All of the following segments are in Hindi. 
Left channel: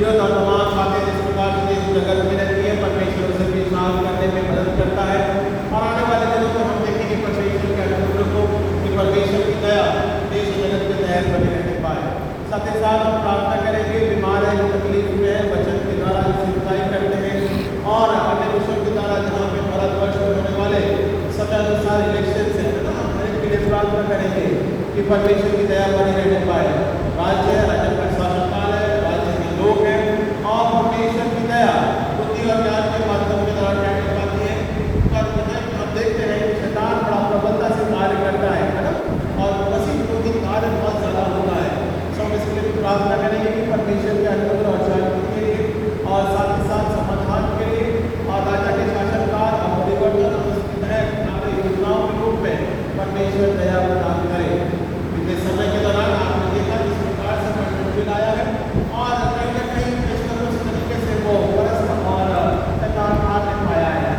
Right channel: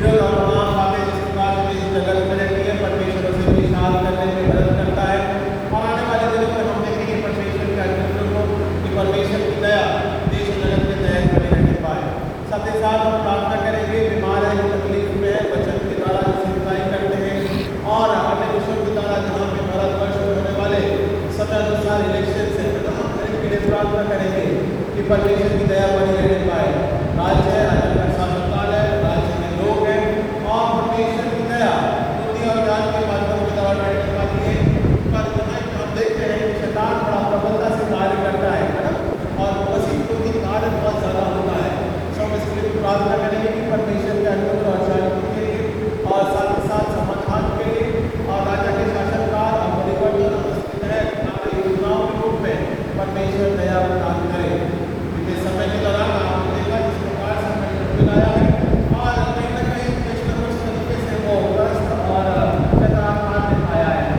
जो तमाम बातें जिस प्रकार से इस जगत में रहती है परमेश्वर से विश्वास करने में मदद करता है। और आने वाले दिनों में हम देखेंगे परमेश्वर के अनुग्रह को कि परमेश्वर की दया देश और जगत में दायम बने रहने पाए। साथ ही साथ हम प्रार्थना करेंगे बीमार है, तकलीफ में है, वचन के द्वारा चिंताएं करते हैं और अगले विषय के द्वारा जहाँ पे भारतवर्ष में होने वाले 17 इलेक्शन से के लिए प्रार्थना करेंगे कि परमेश्वर की दया बनी रहने पाए। राज्य शासनकाल है, राज्य के लोग हैं और परमेश्वर की दया बुद्धि और ज्ञान के माध्यम के द्वारा रहने पाती है। हम देखते हैं कि शैतान बड़ा प्रबलता से कार्य करता है ना, और उसी बुद्धि कार्य बहुत ज्यादा होता है। सब इसके लिए प्रार्थना करेंगे कि परमेश्वर के अनुग्रह और शांति के लिए और साथ ही साथ समाधान के लिए और राज्य के शासनकाल और परिवर्तन योजनाओं के रूप में परमेश्वर दया प्रदान करे। क्योंकि समय के दौरान आपने देखा जिस प्रकार से परिवर्तन मिलाया है और कहीं न कहीं किस तरीके से वो ग्रस्त और तनाव दिखाया है।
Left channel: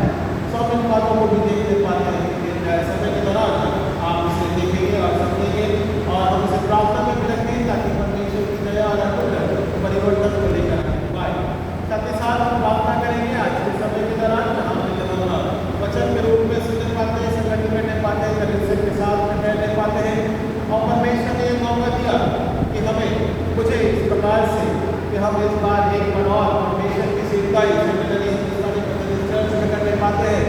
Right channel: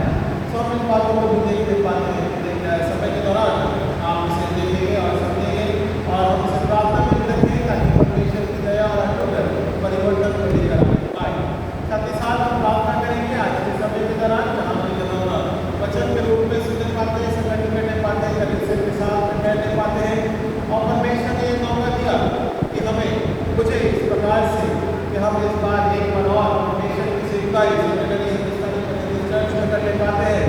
सब इन बातों को भी देखते पाते हैं। समय के दौरान आप इसे देखेंगे और सुनेंगे और हमसे प्रार्थना भी करेंगे ताकि परमेश्वर की दया और अनुग्रह परिवर्तन को लेकर आए। साथ ही साथ हम प्रार्थना करेंगे आज के समय के दौरान वचन के रूप में सुन पाते हैं, संगठन करने पाते हैं, कलीसिया के साथ रहने पाते हैं और परमेश्वर ने मौका दिया कि हमें कुछ इस प्रकार से कि हम इस बार एक मनोर परमेश्वर की सेवका करने पाते हैं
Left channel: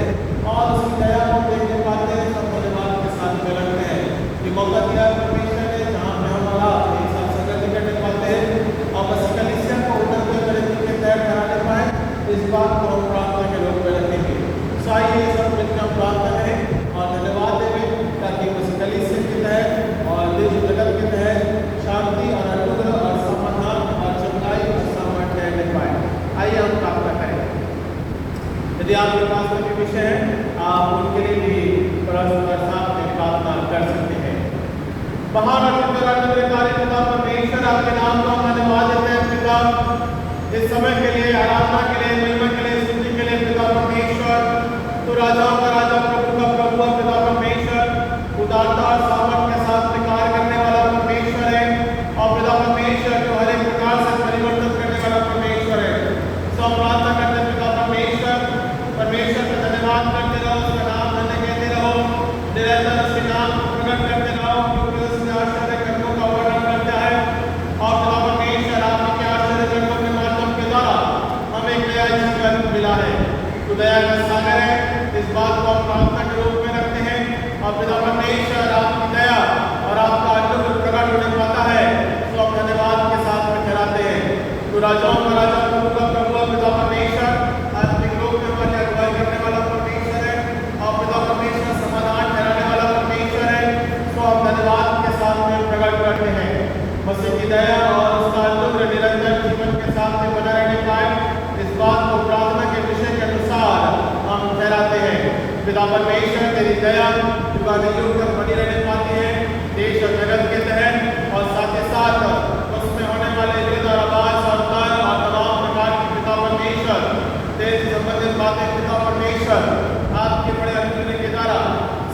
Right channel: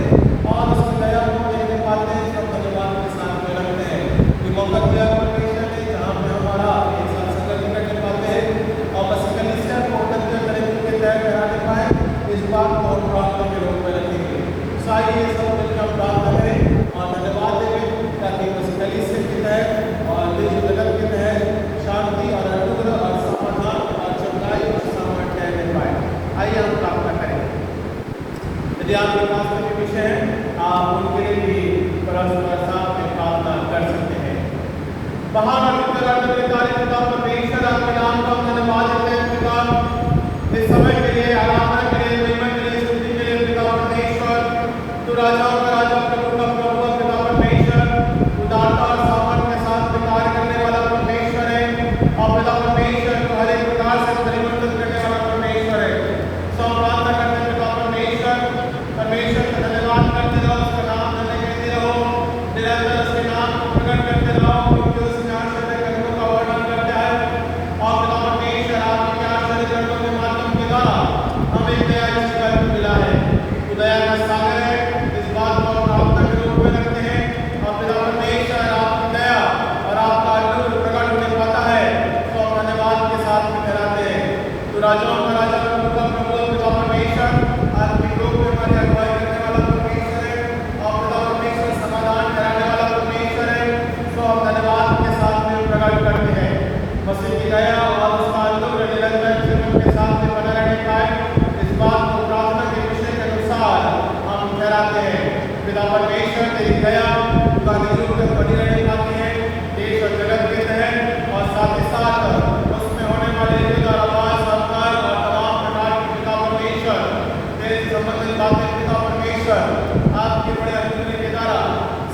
और उसकी दया को देखने पाते हैं। सब धन्यवाद के साथ करते हैं कि मौका दिया परमेश्वर ने जहाँ पर हमारा एक साथ संगठन करने पाते हैं और बस कलीसिया को उन्नत करने कराने पाए। इस बात को हम प्रार्थना के रूप में रखेंगे। चाहिए सब मिलकर प्रार्थना करें और धन्यवाद दें ताकि उस कलीसिया की तहत और देश जगत की तहत शांति और अनुग्रह और समाधान और चंगाई और सामर्थ्य रहने पाए। आइए हम प्रार्थना करें। यदि आपके पास कोई विषय है आप उनके लिए परस्पर साथ में प्रार्थना कर सकते हैं। महान और पिता परमेश्वर आपके नाम को हम धन्यवाद देते हैं। पिता इस समय के लिए आराधना के लिए महिमा के लिए स्तुति के लिए पिता परमेश्वर तो राजाओं का राजा प्रभु का प्रभु पिता परमेश्वर उदारता और सामर्थ्य के साथ कार्य करने वाला परमेश्वर है और पिता परमेश्वर को हर एक प्रकार से परिवर्तन करने वाला परमेश्वर है। सब प्रार्थना करते हैं पिता परमेश्वर का धन्यवाद करते रहो, उसका नाम धन्य कहते रहो, निरंतर उसके नाम को प्रकट करते रहो क्योंकि उसके आश्चर्य कर्मों का वर्णन करता है। और पिता परमेश्वर आपके क्या आश्चर्य कर्मों के माध्यम के द्वारा हमें क्या जीवन मिला है। तो दया का सागर है, इस बात को हम प्रार्थना के रूप में रखते हैं और पिता परमेश्वर आपकी दया और आपका अनुग्रह प्रकट होने पाता है तो हम धन्यवाद के साथ में ठहराते हैं। तो राजाओं का राजा प्रभु का प्रभु पिता परमेश्वर आत्मिक रूप में हमारी अगुवाई करने वाला परमेश्वर है और पिता परमेश्वर समाधान कराने वाला परमेश्वर है तो हम धन्यवाद के साथ में प्रकट करते हैं। मसीह की दया और उसका अनुग्रह निरंतर जीवन के साथ में बना रहने पाए। इस बात को प्रार्थना के विषय के अनुसार हम ठहराते हैं। पिता परमेश्वर की दया युग तक बनी रहने पाते हैं देश और जगत के तहत और साथ ही साथ उसमें होने वाले युद्ध और आवाज और तंग और तमाम प्रकार के पिता परमेश्वर देश संबंधित बातें पिता परमेश्वर आपके बड़े अनुग्रह के द्वारा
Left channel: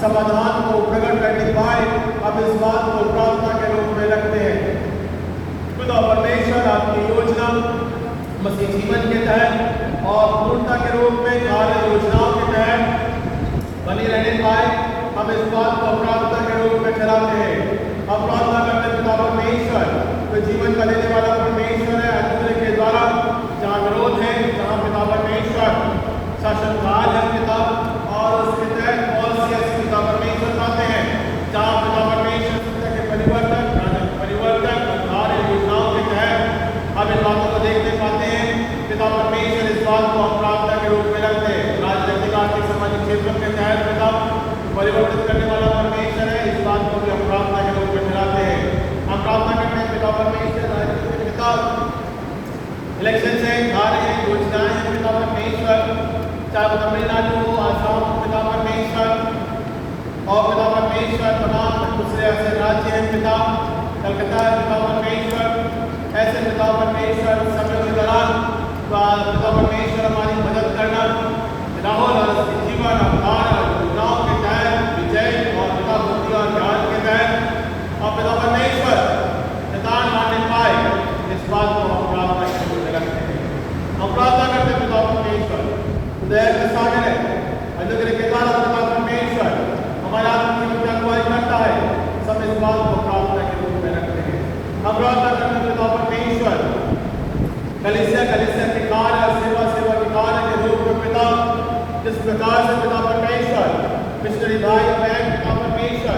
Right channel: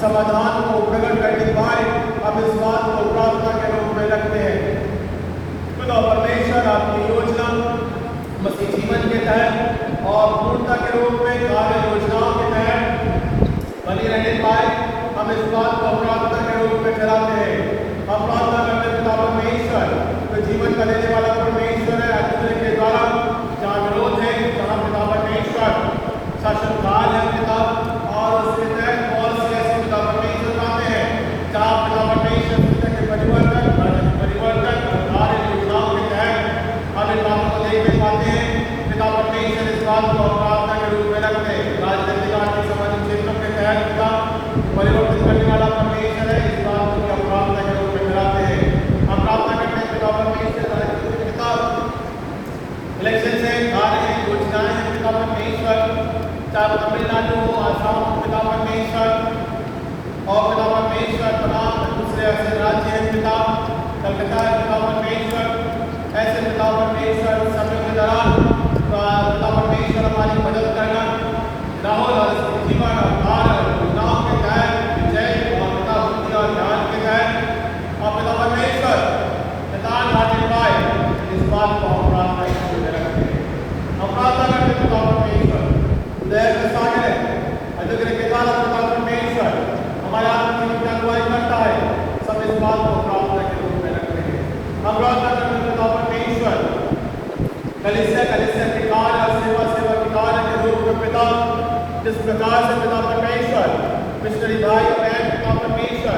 समाधान को प्रकट करने पाए। अब इस बात को प्रार्थना के रूप में रखते हैं। पिता परमेश्वर आपकी योजना मसीह जीवन के तहत और पूर्णता के रूप में कार्य योजनाओं के तहत बनी रहने पाए। हम इस बात को प्रार्थना के रूप में ठहराते हैं। हम प्रार्थना करते पिता परमेश्वर तो जीवन का देने वाला परमेश्वर है। अनुग्रह के द्वारा जहाँ विरोध है, जहाँ पिता परमेश्वर शासनकाल है पिता और उसके तहत बहुत से ऐसे पिता परमेश्वर पाते हैं जहाँ पिता परमेश्वर के परिवर्तन और कार्य योजनाओं के तहत हम इन बातों को देखते पाते हैं। पिता परमेश्वर इस बात को प्रार्थना के रूप में रखते हैं। राजनीतिक आर्थिक सामाजिक क्षेत्रों के तहत पिता परिवर्तित करने वाला परमेश्वर है। इस बात को भी हम प्रार्थना के रूप में मिलाते हैं। हम प्रार्थना करते हैं पिता परमेश्वर पिता इलेक्शन से कार्य योजनाएं हैं पिता परमेश्वर चाहे तमिलनाडु हो, आसाम पिता परमेश्वर और पिता परमेश्वर तमाम दूसरे ऐसे राज्य हैं पिता कलकत्ता पिता परमेश्वर ऐसे पिता परमेश्वर समय के दौरान पिता परमेश्वर हमारी मदद करना राहुल जीवन और योजनाओं के तहत विजय और पिता बुद्धि और ज्ञान के तहत और पिता परमेश्वर पिता आने पाए इस बात को हम प्रार्थना करते हैं। प्रकार से पिता परमेश्वर मिस्त्री भाई बहन पिता परमेश्वर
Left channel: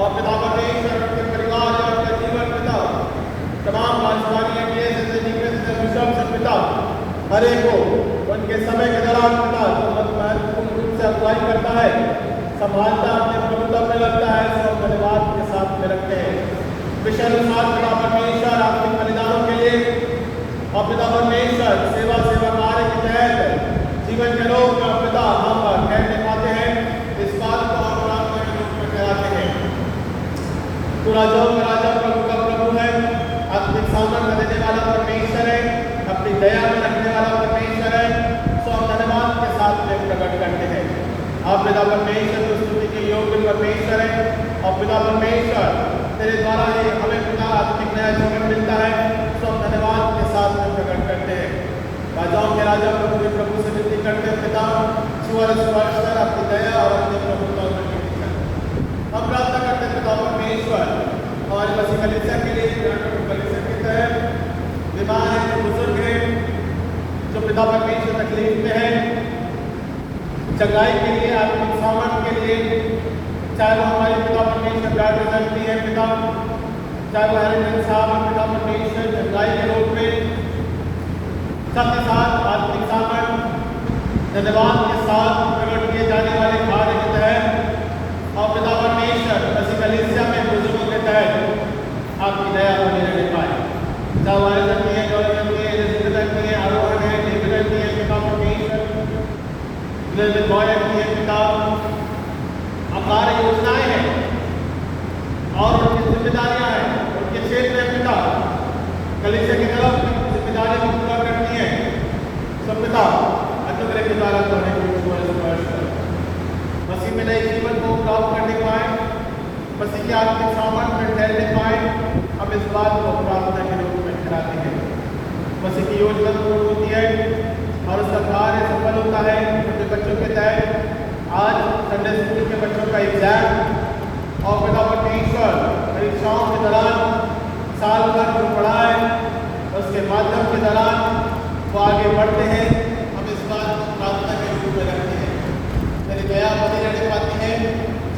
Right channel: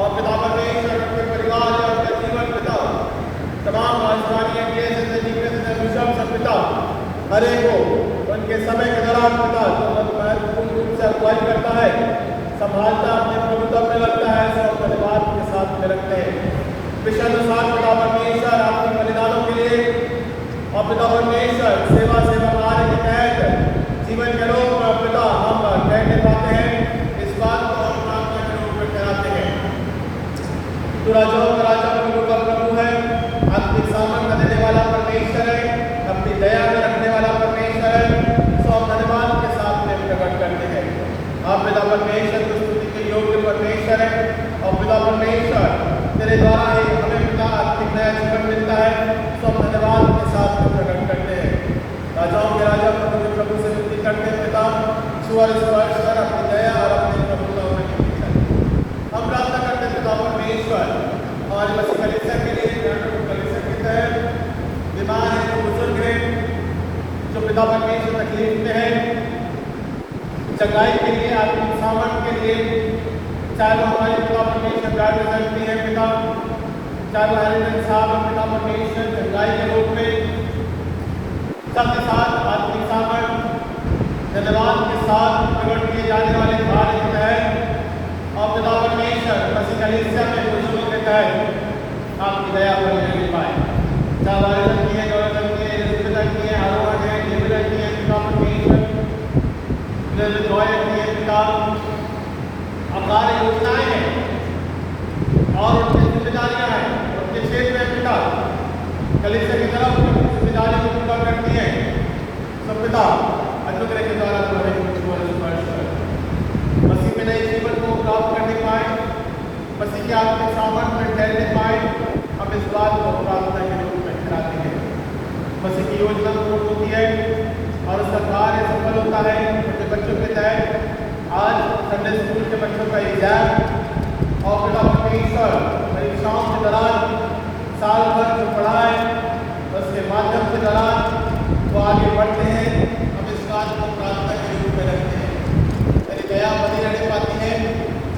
और पिता परमेश्वर के परिवार और अपने जीवन पिता तमाम राजधानी देश पिता हर एक को उनके समय के दौरान पिता बहुत महत्वपूर्ण रूप से अगुवाई करता है, संभालता अपने प्रभुत्व में रखता है, सब परिवार के साथ में रखते हैं। विषय अनुसार पिता परमेश्वर आपके बलिदानों के लिए और पिता परमेश्वर सेवा कार्य के तहत जीवन के लोग में पिता हम कहने पाते हैं, इस बात को हम प्रार्थना के रूप में कराते हैं। तो राजाओं का राजा प्रभु का प्रभु है, आपके सामर्थ्य देने वाला परमेश्वर है, अपनी दया में रखने वाला परमेश्वर है, सो धन्यवाद के साथ में प्रकट करते हैं। आप पिता परमेश्वर की स्तुति के योग्य परमेश्वर है और पिता परमेश्वर तेरे द्वारा ही हमें पिता आपकी नया जीवन मिलता है, सो धन्यवाद के साथ में प्रकट करते हैं। राजाओं के राजा प्रभु के प्रभु से विनती करते हैं, पिता स्वर्ग स्पर्शकर अपनी दया और अपने प्रभुत्व में हम प्रार्थना करते हैं पिता परमेश्वर आज बस कलीसिया के लिए कलीसिया के तहत बीमार है, बुजुर्ग है, जो पिता परमेश्वर तकलीफ में है, जगाई के लिए आत्मिक सामर्थ के लिए, चाहे वो हमारे पिता परमेश्वर गाड़ी करती है पिता, चाहे वो हमारे साहब पिता परमेश्वर जगाई के लोग में सबके साथ आत्मिक सामर्थ धन्यवाद के साथ प्रकट किए जाने वाले कार्य के तहत और पिता परमेश्वर बस कलीसिया के बुजुर्गों के तहत आपकी दया पर लेने पाए। हमारे धर्मीय गौरव में धर्मीय आरोहण है, निर्विघ्न है पिता परमेश्वर, निर्भय किए पिता, अपार योजनाएं हैं और उनकी जिम्मेदारियां हैं, उनके क्षेत्र में पिता कलीसिया की तरफ जिम्मेदारी को पूरा करती है। सब पिता अनुग्रह के द्वारा तो हमें मसीह में नए जीवन को प्राप्त करने पाए, मसीह के आपके सामर्थ्य में ठहरने पाए, हम इस बात को प्रार्थना के रूप में कराते हैं। मसीह की योजना पूर्ण होती है और उसका कार्य सफल होता है। छोटे बच्चों के तहत आज संडे स्कूल के बच्चों का एग्जाम और पिता परमेश्वर परीक्षाओं के दौरान साल भर जो पढ़ा है उसके माध्यम के दौरान वो आगे बढ़ते हैं। हम इस बात को प्रार्थना के रूप में रखते हैं। तेरी दया बनी रहने पाती है,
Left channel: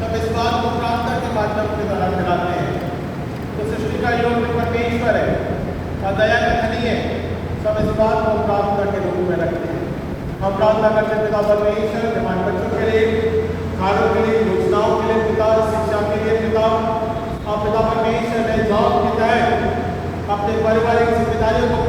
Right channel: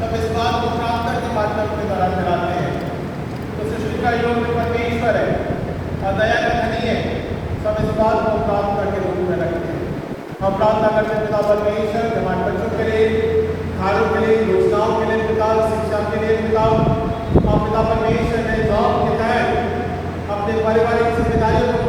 सब इस बात को प्रार्थना के माध्यम के दौरान कराते हैं। तो सृष्टि का योग परमेश्वर है और दया का धनी है, सब इस बात को प्रार्थना के रूप में रखते हैं। हम प्रार्थना करते हैं पिता परमेश्वर हमारे बच्चों के लिए, कार्यों के लिए, योजनाओं के लिए पिता, शिक्षा के लिए पिता और पिता परमेश्वर ने जॉब के तहत अपने पारिवारिक जिम्मेदारियों को